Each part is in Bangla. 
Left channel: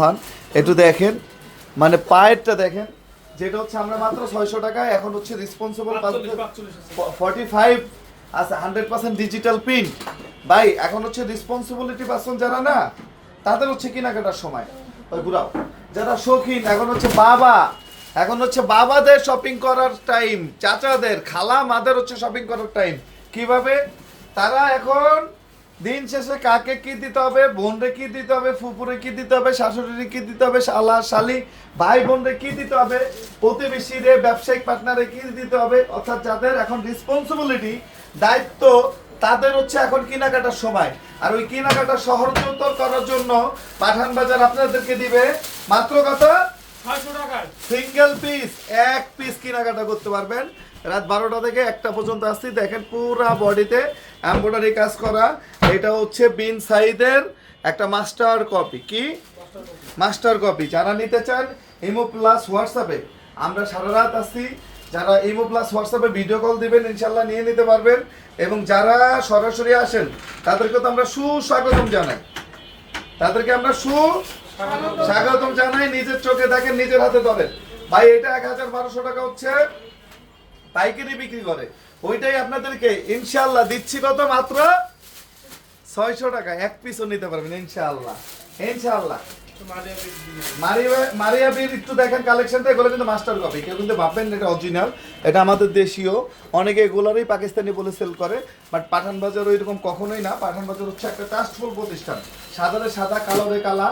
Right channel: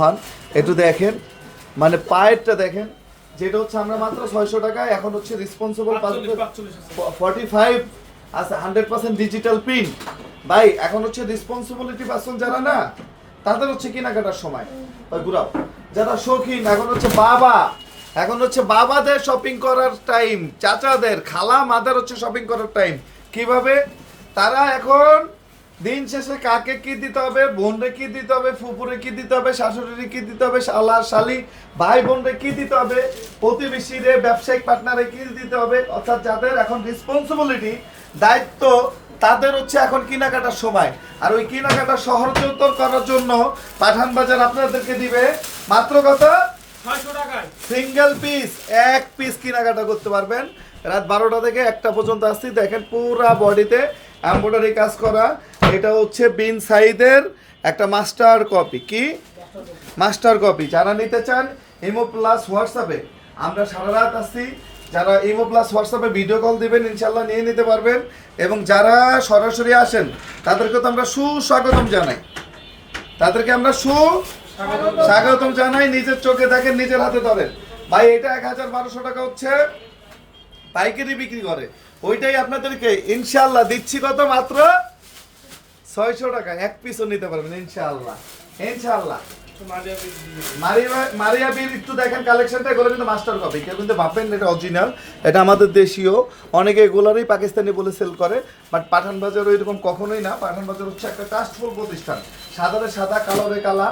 হন একটু দেখেন। মানে পায়েরটা দেখেন যেটা হচ্ছে আমরা মাত্র ছয়শো টাকা এখন হচ্ছে রেসপন্সিবল ফর্টি ফাইভ আছে। হান্ড্রেড পার্সেন্ট ডিজিটাল প্রিন্ট ভাই এখন হচ্ছে রেসপন্সিবিলিটি পার্সন যারা না তাদের হচ্ছে কেনাকাটার সময়। ওই ঘুরাও। যারা শৌখিন এখন হচ্ছে বাবা। এখন হচ্ছে বাবাদের শপিং করার টাইম চাচাদের খালা মাদের হচ্ছে শপিং করার টাইম কীভাবে? তারা এখন দিন শেষে কাকে কি দিতে হবে? বোনরে কি দিতে হবে? ফুপুরে কি দিতে হবে? শাশুড়িরে কি দিতে হবে? শালা শালি ভাই বোনরে কি দিতে হবে? প্রতিবেশীরে ব্যবসায়িক পার্টনারে কি দিতে হবে? অর্থাৎ যাদের এখন রেসপন্সিবিলিটি দায়িত্ব তাদের হচ্ছে এখন কেনাকাটার সময়। আর ওই কেনাকাটা সহজতর করার জন্য পাঠান বাজার আপনাদেরকে দিবে মাত্র টাকায়। সিঙ্গেল পিস এক পিস কেনাকাটা করতে পারবেন। রাত বারোটা থেকে একটা পর্যন্ত আসছি দেখেন পুরা বডিতে এম্ব্রয়ডারি কাজ করা। এটা হচ্ছে বিন সাইদের একটা মাস্টার কপি। কি? Master copy. যারা নিতে চান ইমো প্লাস হোয়াটসঅ্যাপে, আমরা সারা রাত আসছি যারা ইমো প্লাস হোয়াটসঅ্যাপে ভিডিও কল দিবেন ইনশাল্লাহ নিয়ে নিতে পারবেন। এবং যারা সরাসরি আসেন, তাদেরকে তো আমরা সুস্বাগতম জানাই। তাদেরকে আমরা সু স্বাগতম জানাই। নিজের চোখে দেখেন, নিজের হাতে ধরেন। ভাই, এটা এক হাজার বারোশো টাকা হচ্ছে। পাইকারি বিক্রি করে। ওইটাই আপনাদেরকে ইনশাল্লাহ দিচ্ছি কত মাত্র? ছয়শো টাকা এক পিসও নিতে পারবেন ইনশাল্লাহ ইনশাল্লাহ মারিয়া বীর একটু দেখেন কালেকশনটা এগুলো কিন্তু মাস্টার কপি কেউ কিন্তু ভাববেন না এটা অরিজিনাল এটা আমাদের দেশীয়। অনেকে এগুলোরই পাকিস্তানি বলে সেল করে বাট পাঠান বাজার ওইরকম কখনোই না। পাঠান বাজার হচ্ছে একটা ট্রাস্টফুল প্রতিষ্ঠান। সাদারে সাদা কালোরে কালা।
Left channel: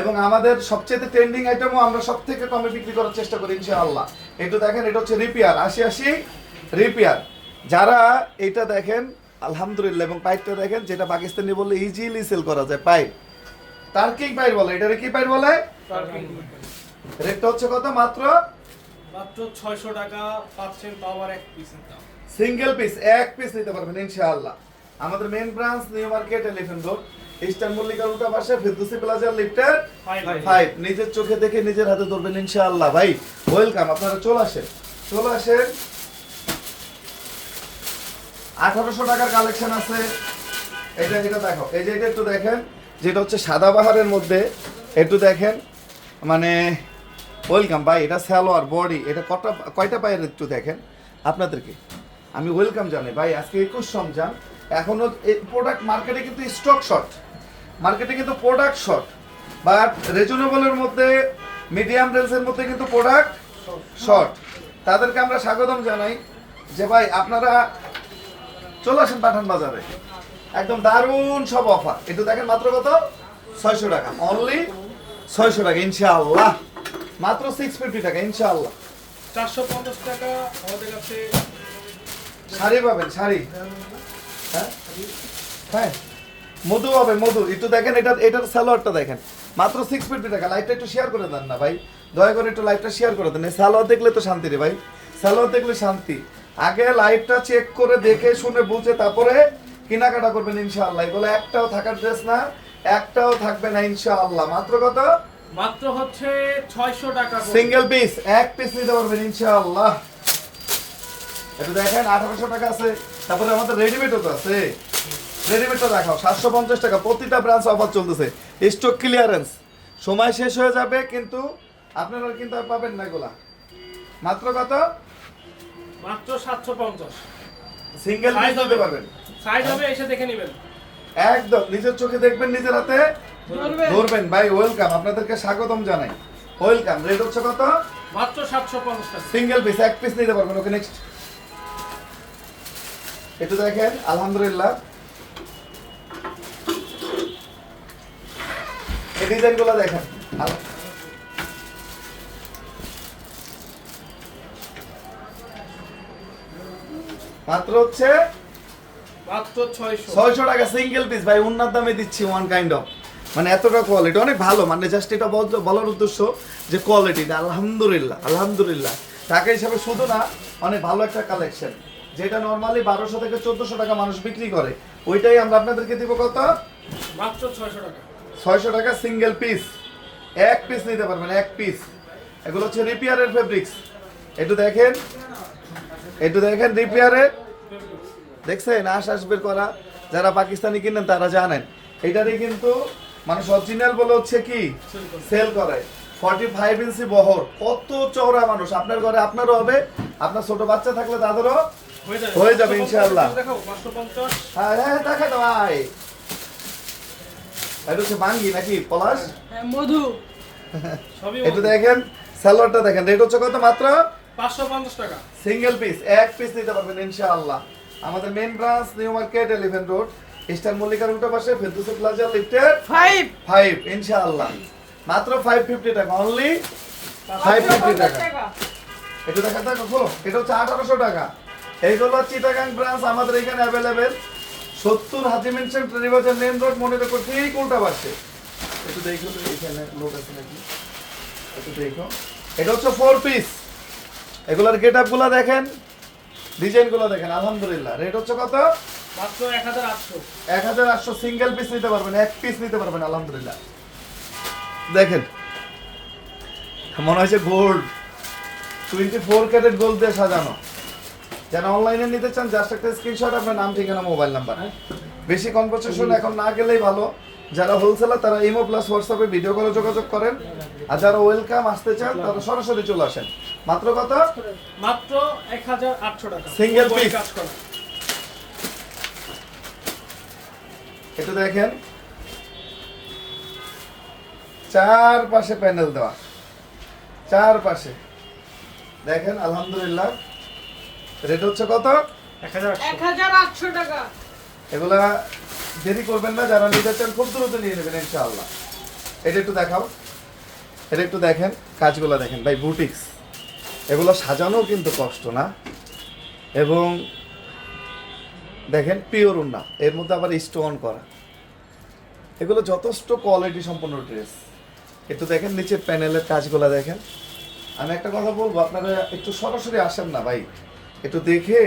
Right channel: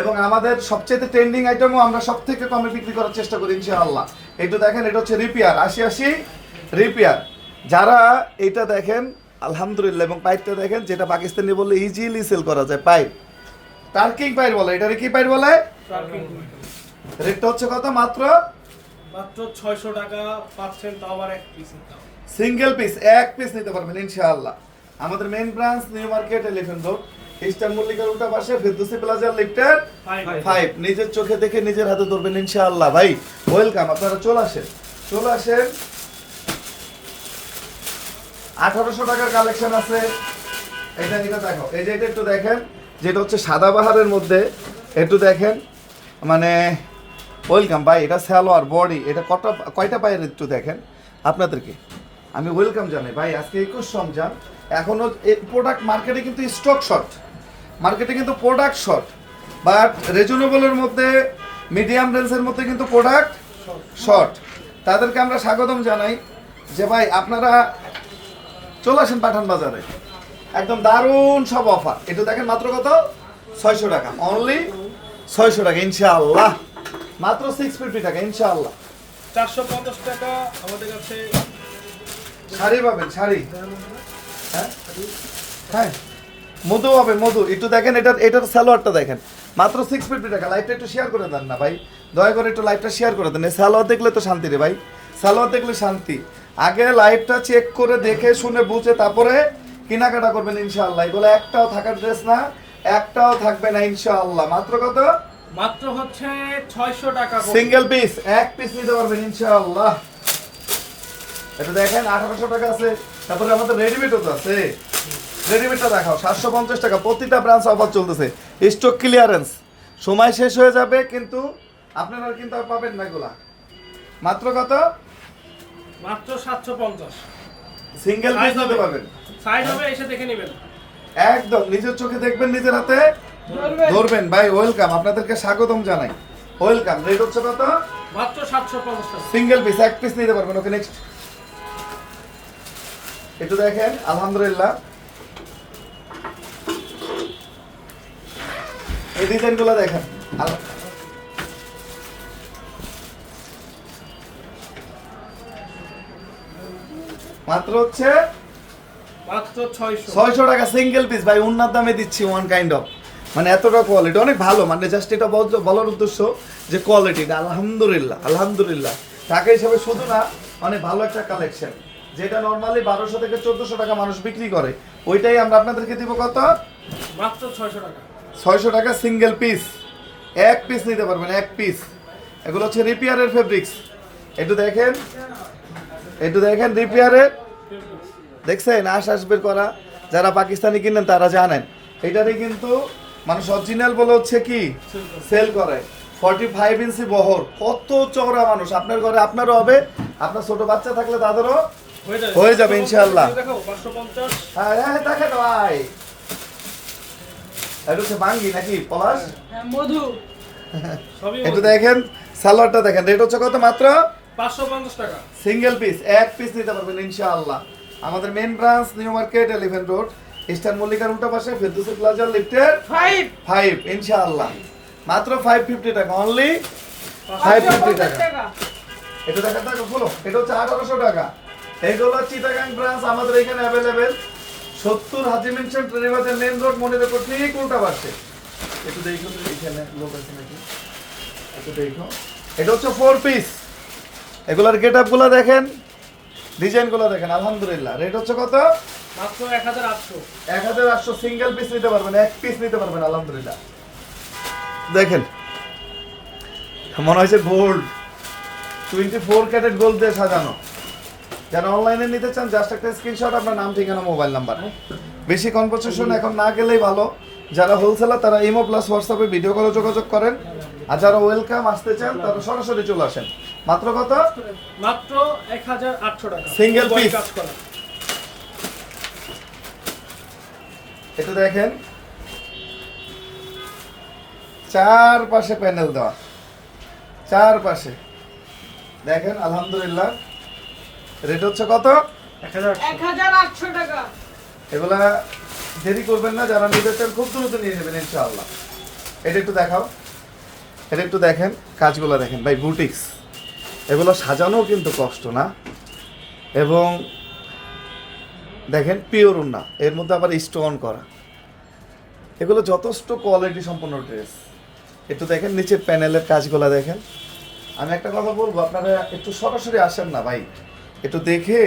এবং আমাদের সবচেয়ে ট্রেন্ডিং আইটেমও আমরা সব থেকে কমে বিক্রি করার চেষ্টা করি ইনশাআল্লাহ। একটু দেখেন এটা হচ্ছে রিপেয়ার। আশি আশি রিপেয়ার। যারা এটা দেখেন আলহামদুলিল্লাহ এবং পাইপটা দেখেন যেটা পাকিস্তানি বললে ইজিলি সেল করা যায় পাইপ। টার্কিং পাইপ বলে এটারে কি পাইপ বলে? রেটটা হচ্ছে কত মাত্র? মাত্র ছয়শো টাকা পাচ্ছেন তাও আবার এক পিসের দাম। সিঙ্গেল পিস এক পিস নিতে পারবেন ইনশাআল্লাহ। আমাদের main branch New Market Elephant Road Eastern মল্লিকার উল্টা পাশে ফেরদৌসি প্লাজা লিফটের ফাইভ নিজের চোখে দেখে নিজের হাতে ধরবেন ইনশাআল্লাহ। ভাই ওয়েলকাম আপনারা চলে আসেন। চলে আসেন। আঠারোশো টাকার কালেকশন আছে। এটা এটা দেখো। এই যে এটা একটু দেখেন। যেটা হচ্ছে সাদা বাহারের মধ্যে একটু দেখেন। মানে ওয়েলকাম ভাই এটা স্যালোয়ার বডি এটা কটা কয়টা পায়ের একটু দেখেন। আপনাদেরকে। আমি ওয়েলকাম জানাই। ভাই আজকে একুশ রমজান। এখনও প্রোডাক্ট মার্কেটে কিন্তু স্টক শর্ট মার্কেটে কিন্তু প্রোডাক্ট শর্ট বাট রিজনেবলের মধ্যে মিডিয়াম রেঞ্জের মধ্যে কিন্তু প্রোডাক্ট শর্ট তাদেরকে আমরা স্বাগতম জানাই যে ভাই আপনারা চলে আসেন পাঠান বাজারে। একদম দারুণ সব অফার এটা দেখেন মাত্র কত? ছয়শো টাকা। অনলি ছয়শো টাকা ইনশাআল্লাহ। মাত্র সিক্স ফিফটি টাকা ইনশাআল্লাহ। চারশো পঞ্চাশ টাকা আমাদের কাছে শাড়ি পাবেন শাড়ি। হ্যাঁ? হ্যাঁ। মধু হবে মধু। একটু দেখেন এটা এটার স্যালোয়ারটা দেখেন। মাত্র সিক্স ফিফটি টাকা। লাইটটা একটু শেয়ার করে দেন না ভাই। দয়া করে একটু লাইটটা শেয়ার করে দেন। স্যালোয়ার দেখলে তো শান্তি রে ভাই। স্যালোয়ার দেখলে শান্তি। আগে লাইটটা চেক করে দেখে শুনে বুঝে তারপরে কেনাকাটা করবেন ইনশাআল্লাহ। এগুলো একটাও থাকার ড্রেস না একটাও থাকবে না ইনশাআল্লাহ। মাত্র কত? মাত্র হচ্ছে ছয়শো টাকা করে। সিঙ্গেল পিস এক পিস নিতে পারবেন ইনশাআল্লাহ। এটা দেখেন আঠারোশো টাকা আছে। তারপরে আমাদের রেডিমেডও তো আছে। রেডিমেডটা দেখাও। সাতশো পঞ্চাশ টাকা। প্রতিটা ব্রাঞ্চ অফার চলতেছে। স্টক ক্লিয়ারেন্স সময় শেষ হয়ে যাবে কিন্তু আপনারা কিন্তু পাবেন না এগুলা। মাত্র কত? মাত্র সাতশো পঞ্চাশ। সিঙ্গেল নিতে হবে। পারবেন। সাইড হবে এসে দেখে নেবেন। একদম। নিজের চোখে দেখবেন নিজের হাতে। ধরবেন। ভাই ওয়েলকাম আপনাদেরকে স্বাগতম জানাই। ওয়েলকাম রেট হচ্ছে কত? মাত্র সাতশো পঞ্চাশ টাকা। সিঙ্গেল পিস এক পিস নিতে পারবেন। ওকে নেক্সট একটু দেখেন। আলহামদুলিল্লাহ। এই ডিজাইনগুলো দেখেন। মাত্র হচ্ছে মাত্র ছয়শো। ছয়শো টাকা সিঙ্গেল পিস ভাই উন্নত দামে দিচ্ছি ওয়ান কাইন্ড অফ মানে এতটা কোয়ালিটি অনেক ভালো মানে জাস্ট এটা বলার উদ্দেশ্য যে কোয়ালিটিটা আলহামদুলিল্লাহ আলহামদুলিল্লাহ। টাকা হিসাবে শুধু না অনেক ভালো একটা কালেকশন যেটা নর্মালি বারোশো থেকে চোদ্দশো টাকা মানুষ বিক্রি করে ওইটাই আমরা আপনাদেরকে দিব কত? মাত্র ছয়শো টাকা। ছয়শো টাকা সিঙ্গেল পিস এক পিস নিতে পারবেন এক পিস এগুলো হচ্ছে রিপেয়ারের ফেব্রিক্স একটু দেখেন একটু দেখেন রিপেয়ারের দেখছেন? আশ আসবের করা। যারা পাকিস্তানি কিনেন তারা জানেন। এটারই কিন্তু মানুষ অরিজিনাল বলে হচ্ছে কি? সেল করে। ফর্টি ফাইভ ইঞ্চি বহর। কত চওড়া মানুষ। আপনার ঘরে আপনারও হবে। আপনার ছোট বাচ্চা থাকলে তাদেরও হয়ে যাবে। যাবে 550 ইনশাআল্লাহ। দেখো পাঁচশো পঞ্চাশ। হ্যাঁ হ্যাঁ দেখেন ভাই। এটা হচ্ছে বাঙ্গি নাকি? পলাশ? মধু। একটু দেখেন স্যালোয়ারটা দেখেন রেট হচ্ছে কত মাত্র? পাঁচশো পঞ্চাশ টাকা। সিঙ্গেল পিস এক পিস নিতে পারবেন ইনশাআল্লাহ। আমাদের main branch New Market Elephant Road Eastern মল্লিকার উল্টো পাশে ফেরদৌসি প্লাজা লিফটের ফাইভ ফাইভ ইনশাআল্লাহ। মাত্র ফাইভ ফিফটি টাকা অনলি ফাইভ ফিফটি টাকা। এটা দেখা টাকা খোলো এটা হচ্ছে আঠারোশো টাকা। এইগুলো চিটাগাং ব্রাঞ্চ আমাদের এখানে অ্যাভেলেবেল সত্তর Haji mansion Terribazar main road মনে রেখো ঠিক উল্টা পাশে একটু দেখো এখানে লোক আছে নাকি? একটু দেখো এটা হচ্ছে ফোর পিস এগুলোর গেট আপগুলো দেখেন ডিজাইনগুলো দেখেন আলহামদুলিল্লাহ। রেট হচ্ছে কত? মাত্র এক হাজার আটশো। এক হাজার আটশো সিঙ্গেল পিস নিতে পারবেন এক পিস নিতে পারবেন আলহামদুলিল্লাহ। দেখেন মনে হচ্ছে gold twenty four carat gold দিয়ে সাজানো। যারা অনলাইনে নিতে চান জাস্ট একটা স্ক্রিনশট আপনার নাম ঠিকানা মোবাইল নাম্বার বেশি কনভারসেশন এখন না গেলেই ভালো। যারা হোলসেলার তারা ইমো প্লাস হোয়াটসঅ্যাপে ভিডিও কলে যোগাযোগ করেন। আর যারা ওয়েলকাম আসতে চান তারা সরাসরি চলে আসেন। মাত্র কত? মাত্র এক হাজার আটশো টাকা। কাজ করা। একটু দেখেন। চার পাশে প্যানেল দেওয়া। চার পাশে দেখেন আলহামদুলিল্লাহ। রেট হচ্ছে কত? টাকা। এগুলা দেরি করবেন না যারা নিতে চান খুব দ্রুত নিয়ে নেবেন ইনশাআল্লাহ। এটা একটু দেখাও। এটা একটু দেখেন কাজগুলো দেখেন। ভাই বুটিক্স এগুলো সাজানো কিন্তু কষ্ট না। এবং দেখেন পিওর না এর মধ্যে আবার স্টোন করা। এগুলো যথেষ্ট কোয়ালিটি সম্পন্ন ড্রেস একটু দেখেন নিচের প্যানেলের কাজগুলো দেখেন। আমি একটা কথা বলব আপনারা একটু সরাসরি আসেন না ভাই। একটু দেখে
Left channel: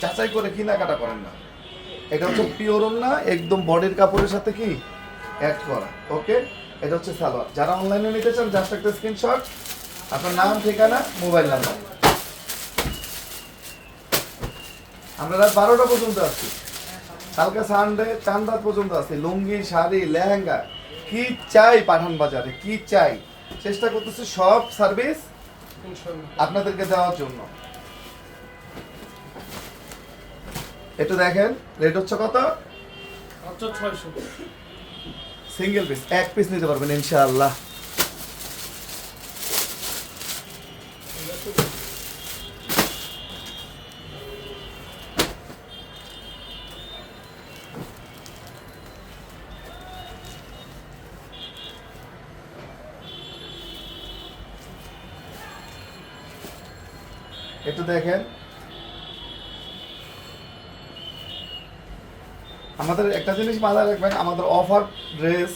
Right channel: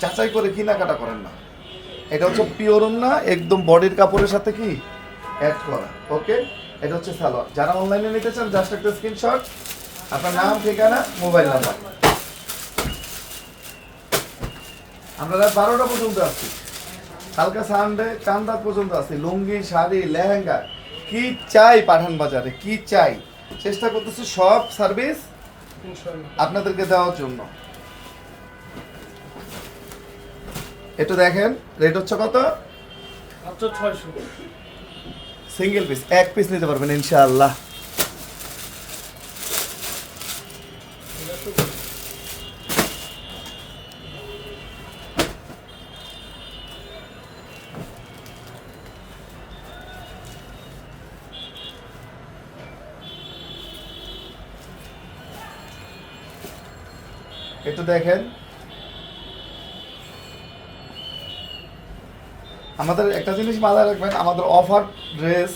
যাচাই করে কেনাকাটা করেন না। এটা হচ্ছে পিওর না একদম বডির কাপড়ের সাথে কি? অ্যাড করা। ওকে এটা হচ্ছে সালোয়ার। যারা অনলাইনে নিতে চান জাস্ট একটা স্ক্রিনশট আপনার নাম ঠিকানা মোবাইল নাম্বার আমরা রাত বারোটা পর্যন্ত আছি। কালকে সানডে চান্দাত পর্যন্ত আছি। লুঙ্গি শাড়ি লেহেঙ্গা। কি চাই পাঠান বাজারে? কি চাই? চেষ্টা করতেছি সব সার্ভিস আপনাদেরকে দেওয়ার জন্য। একটু দেখেন রেট হচ্ছে কত? মাত্র ছয়শো। সিঙ্গেল পিস এক পিস নিতে পারবেন ইনশাআল্লাহ। একটু দেখেন। আমাদের একটা জিনিস মাথায় রাখবেন আমাদের অফার ড্রেস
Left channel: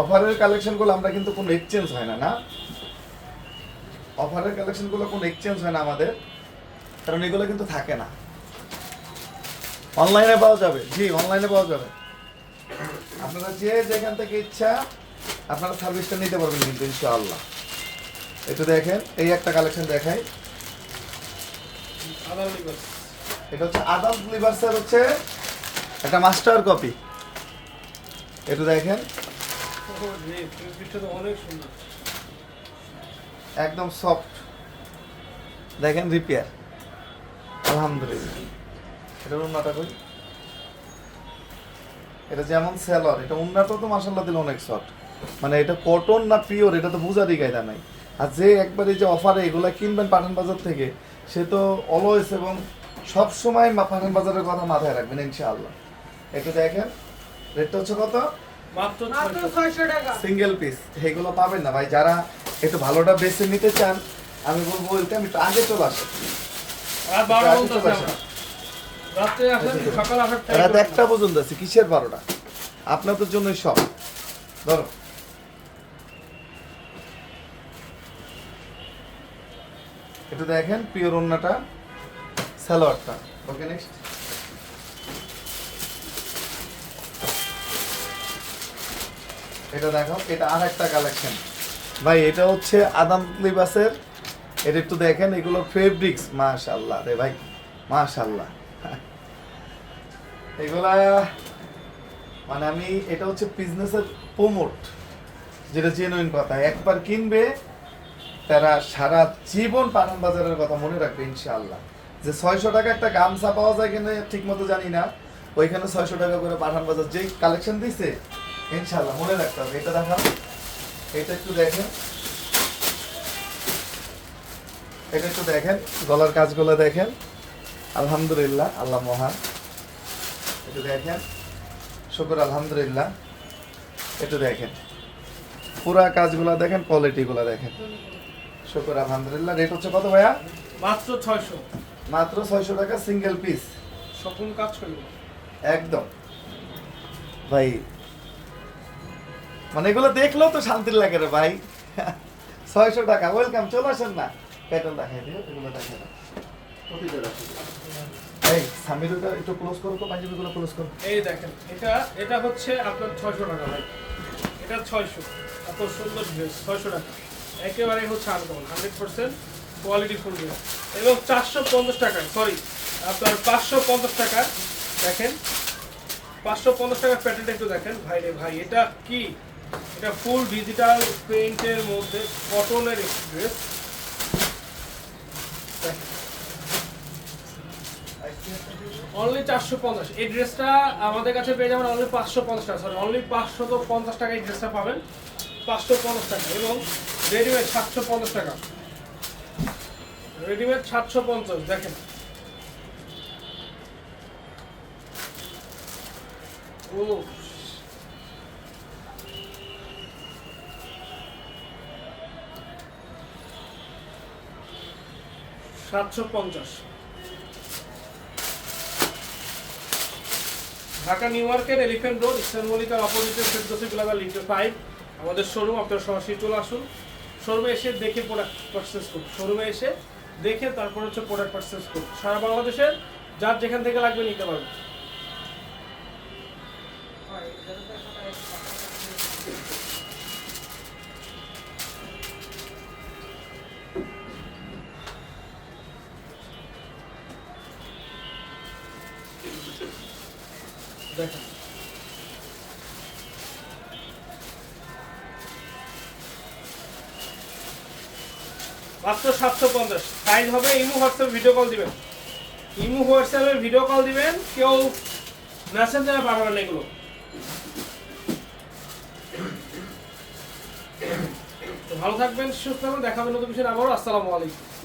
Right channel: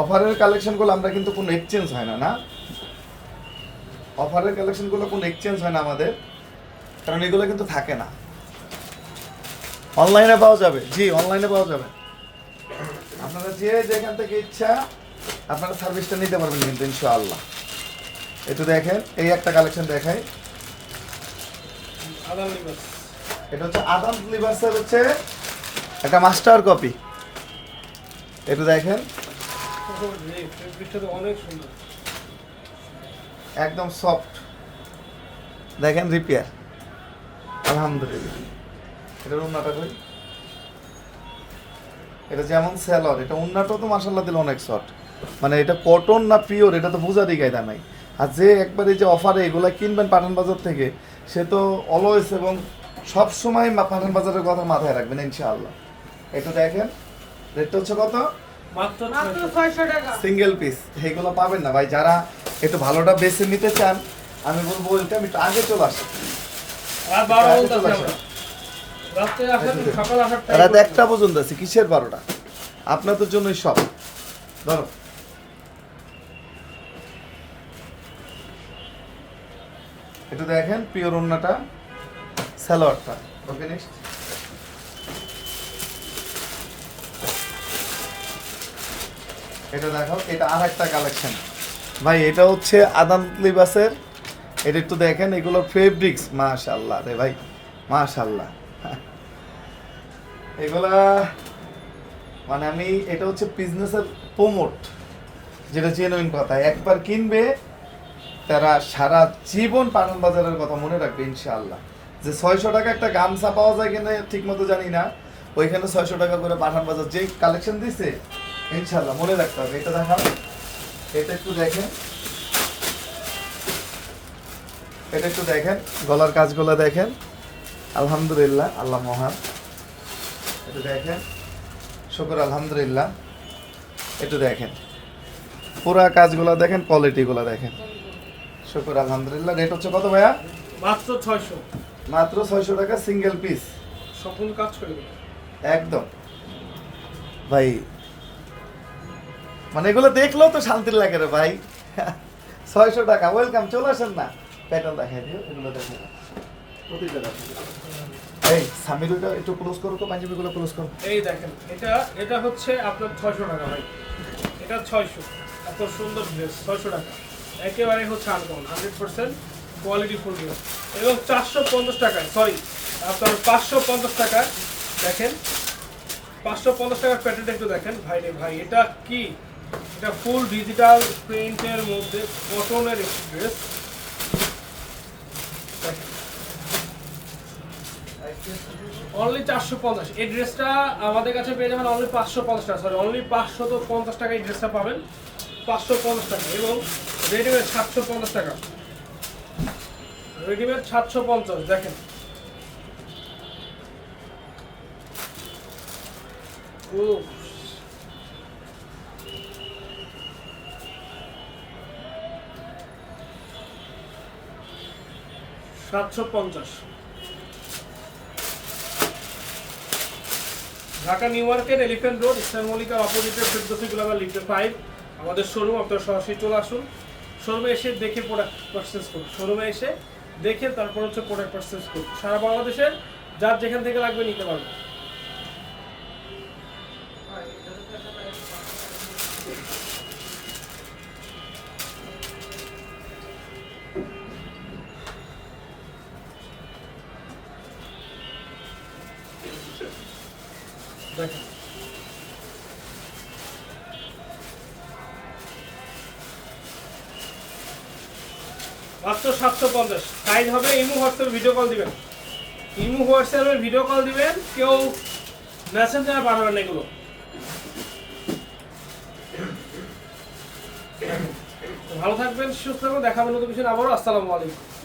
অফারের কালেকশনগুলো আমরা কিন্তু কোনো এক্সচেঞ্জ হয় না না? অফারের কালেকশনগুলো কোনো এক্সচেঞ্জ হয় না আমাদের কারণ এগুলো কিন্তু থাকে না। অনলাইনে পাওয়া যাবে জি অনলাইনে পাওয়া যাবে। আপনারা যে যেখান থেকে ইচ্ছা আপনারা সার্ভিসটা নিতে পারবেন কিন্তু ইনশাআল্লাহ। একটু দেখেন এই একটা কালেকশন দেখাই। এটা হচ্ছে আদাম লিভার্সের হচ্ছে একটা মাস্টার কপি একটু দেখেন। একদম সফট দেখেন রিপেয়ার আলহামদুলিল্লাহ। উন্নাটা এটা যেমন সেলর এটা উন্নাটাও তো মাসাল্লাহ দিলে অনেক সফট মানে এটা কটন না পিওর এটা তো বোঝারই গায়দা নাই। আর যে একবারে যে অফারে এগুলা কিনবেন পাঠান বাজার থেকে, সে তো অলওয়েজ এবং সবসময় পাঠান বাজারের কথা মাথায় রাখবেন, ইনশাআল্লাহ। একটু দেখেন। রেটটা হচ্ছে কত? মাত্র মাত্র ছয়শো টাকা। সিঙ্গেল পিস এগুলো পাবেন না ভাই। যারা একটু ভালোটা বেছে নিতে চান আমি বলব ওইটা একটু আগে চলে আসে। সকাল আসার টাইম রাত একটা পর্যন্ত আছে কিসের বারোটা? আপনাদের জন্যই সব। ধরো। এটা দেখেন পিওর ওন্নাটা স্যালোয়ারটা ওকে নেক্সট এটা দেখো, এটা আর একটা কালেকশন ভাই, এটা হচ্ছে আদান লিবাসের। এটা একটু দেখেন, এগুলো ফেব্রিক্স মাশাল্লাহ রে ভাই মাশাল্লাহ এগুলা মানে আমি, এটা হচ্ছে বিজনেসের প্রমোট, যেটা জেনুইন কথা। একবার কিনবে, তারা সারা জীবন পানাম বাজারের কথা মনে রাখবে, ইনশাআল্লাহ। যে ছয়শো টাকা একটা গামছা পাওয়া যায় কিনা, ঠিক মতো জানি না। ওইখানে ছয়শো টাকা করে পাঠান বাজার যেই কালেকশন দিছে ইনশাআল্লাহ মনে রাখতে হবে। এটা দেখান। এটা একটু দেখেন। এটা একটু দেখেন। গলার কাজগুলো দেখেন। আলহামদুলিল্লাহ আল্লাহ মহান। একটু দেখেন। শুকর আলহামদুলিল্লাহ। একটু দেখেন। পুরা কাজগুলো দেখেন কোয়ালিটিগুলো দেখেন। শুকর আলহামদুলিল্লাহ। রেট হচ্ছে কত ভাইয়া? মাত্র ছয়শো। মাত্র ছয়শো টাকা সিঙ্গেল পিস সম্পূর্ণ কাজ করিব। একদম। ভাই মানে এগুলো দেখলেও তো শান্তির লাগে রে ভাই। ছয়শো টাকা ওয়েলকাম চলে আসেন না। প্যাটার্ন দেখাই দিও এগুলো দেখে না প্রতিটা দেখো এই একটু এই দেখেন, এটা এটা হচ্ছে আপনার টাকা ভাই। এটা ছয়শো। এত সুন্দর টাকা। একেবারে হচ্ছে হান্ড্রেড পার্সেন্ট কোয়ালিটি এবং চারশো পঞ্চাশ টাকায় সরি আপনার পাঁচশো পঞ্চাশ দেখেন, পাঁচশো পঞ্চাশ টাকার একটু দেখেন। ভাই রে ভাই, এটা কি? এটা ফুল ডিজিটাল প্রিন্টের মধ্যে কটনের একটি ড্রেস অনলি চারশো পঞ্চাশ। এই ড্রেসটা আমাদের কাছে পেয়ে যাবেন অনলি পাঁচশো পঞ্চাশ টাকা। সরি অনলি পাঁচশো তো পঞ্চাশ টাকা এই ড্রেসটা পাবেন। পাঁচশো পঞ্চাশ টাকা এবং রেডিমেড সাতশো পঞ্চাশ টাকা। রেডিমেড সাতশো পঞ্চাশ, দেখেন। ও সাতশো পঞ্চাশ। Dhaka new market elephant road eastern মল্লিকার অপোজিটে ফেরদোসি গ্লোবাল লিফটে ফাইভ আমাদের শোরুম আপনারা সরাসরি চলে আসুন। শোরুমে এসে দেখে প্রোডাক্ট পারচেস করুন। শোরুমে এসে দেখে তারপর হচ্ছে প্রোডাক্ট পারচেস করুন। সারা বাংলাদেশের, যার যেখান থেকে লাগবে নিতে পারবে মাত্র সাতশো পঞ্চাশ। সাইজ হবে ইমু হোয়াটসঅ্যাপে ভিডিও কল দিবেন। ইমু হোয়াটসঅ্যাপে ভিডিও কল দিবেন, কেউ মেসেঞ্জারে পাঠাবেন এগুলো। ভালো থাকবেন, সুস্থ থাকবেন, দেখাবেন নতুন কিছু আবারও। আসসালামু আলাইকুম।